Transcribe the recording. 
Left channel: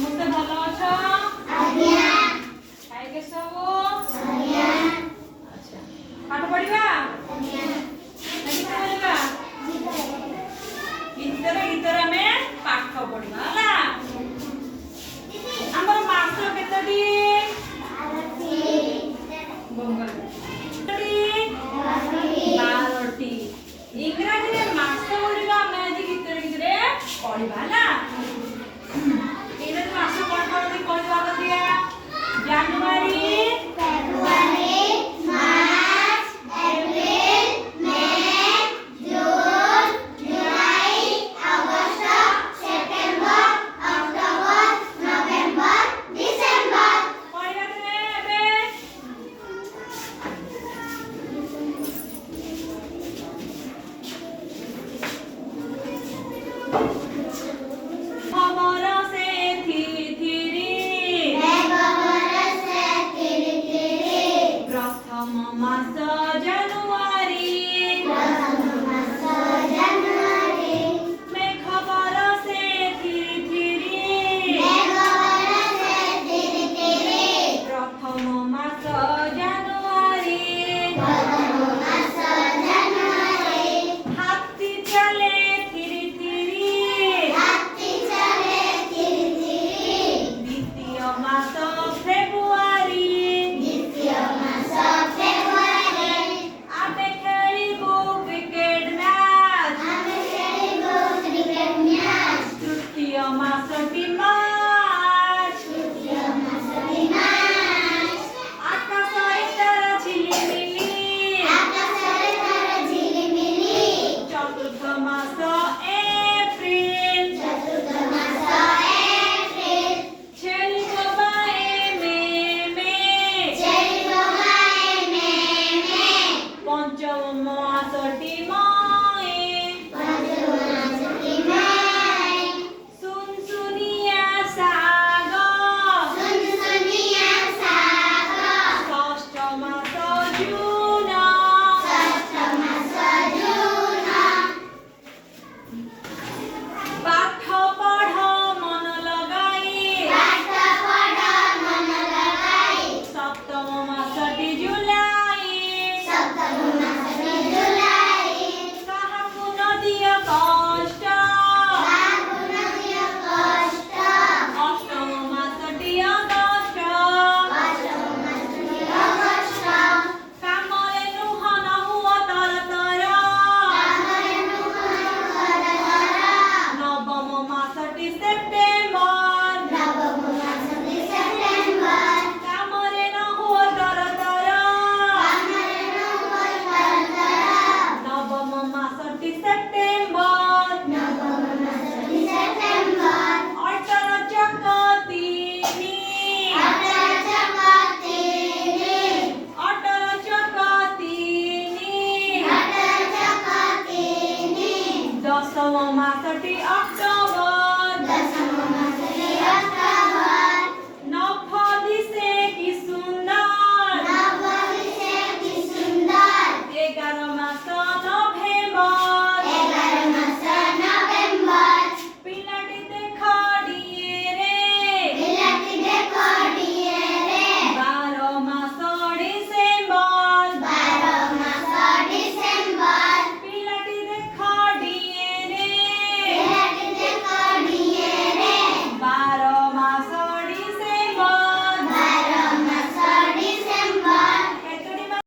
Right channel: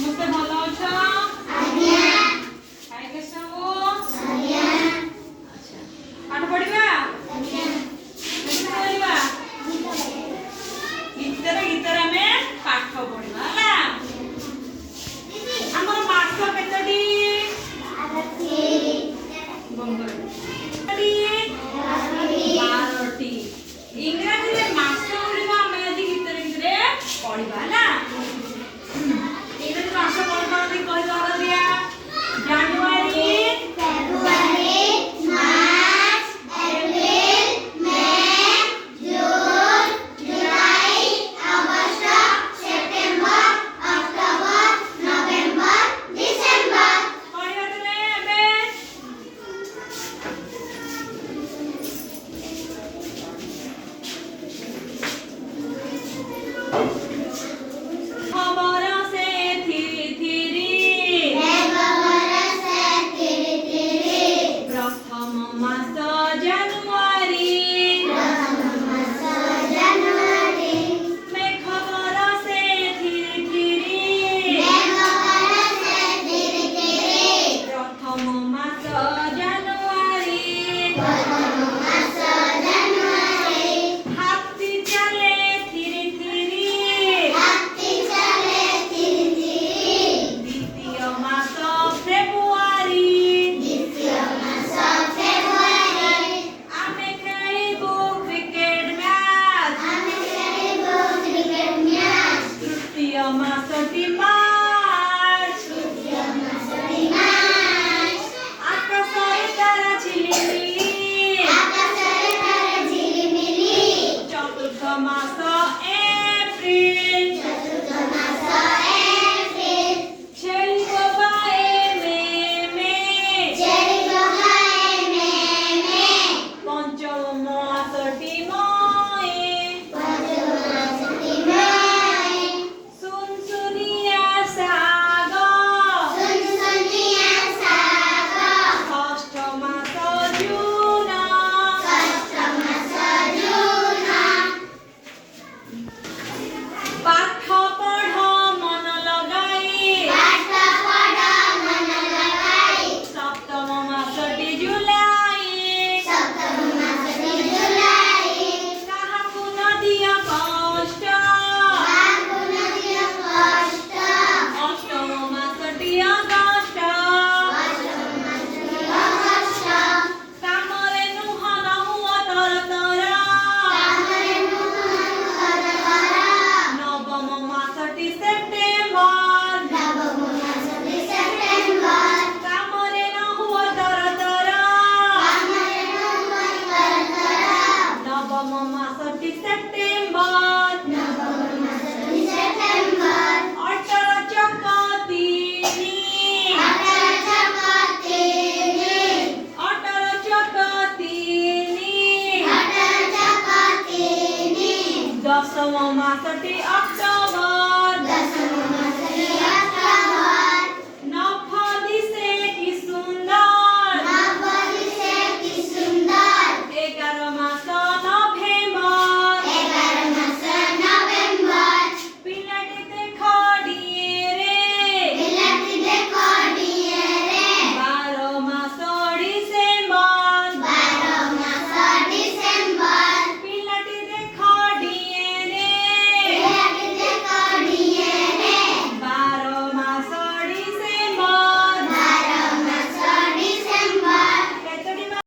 मुझसे भलो अच्छा आज्ञा खाई के सब आज्ञा अच्छा पाठ पढ़िबा आज्ञा केते पढ़िबा गीतरे हमें पाठ पढ़िबा होला हमर मास केतेडी बंद कर बारोटी इंग्रजी रे मास गुड़िका हमें आज गीतरे पढ़िबा होला इंग्रजी मास कोन कोन दी कहबा आगे दिया जनवरी फेब्रुआरी मार्च अप्रैल मई जून जुलाई अगस्त सेप्टेम्बर अक्टोबर नवेम्बर डिसेम्बर पढ़िबा तमे एबे खबर से थिरी प्रथम मास जनवरी मैं खबर से थिरी प्रथम मास जनवरी हाथी चले थिरी द्वितीय मास फेब्रुआरी आमे खेलिबो क्रिकेट मैच तृतीय मास मार्च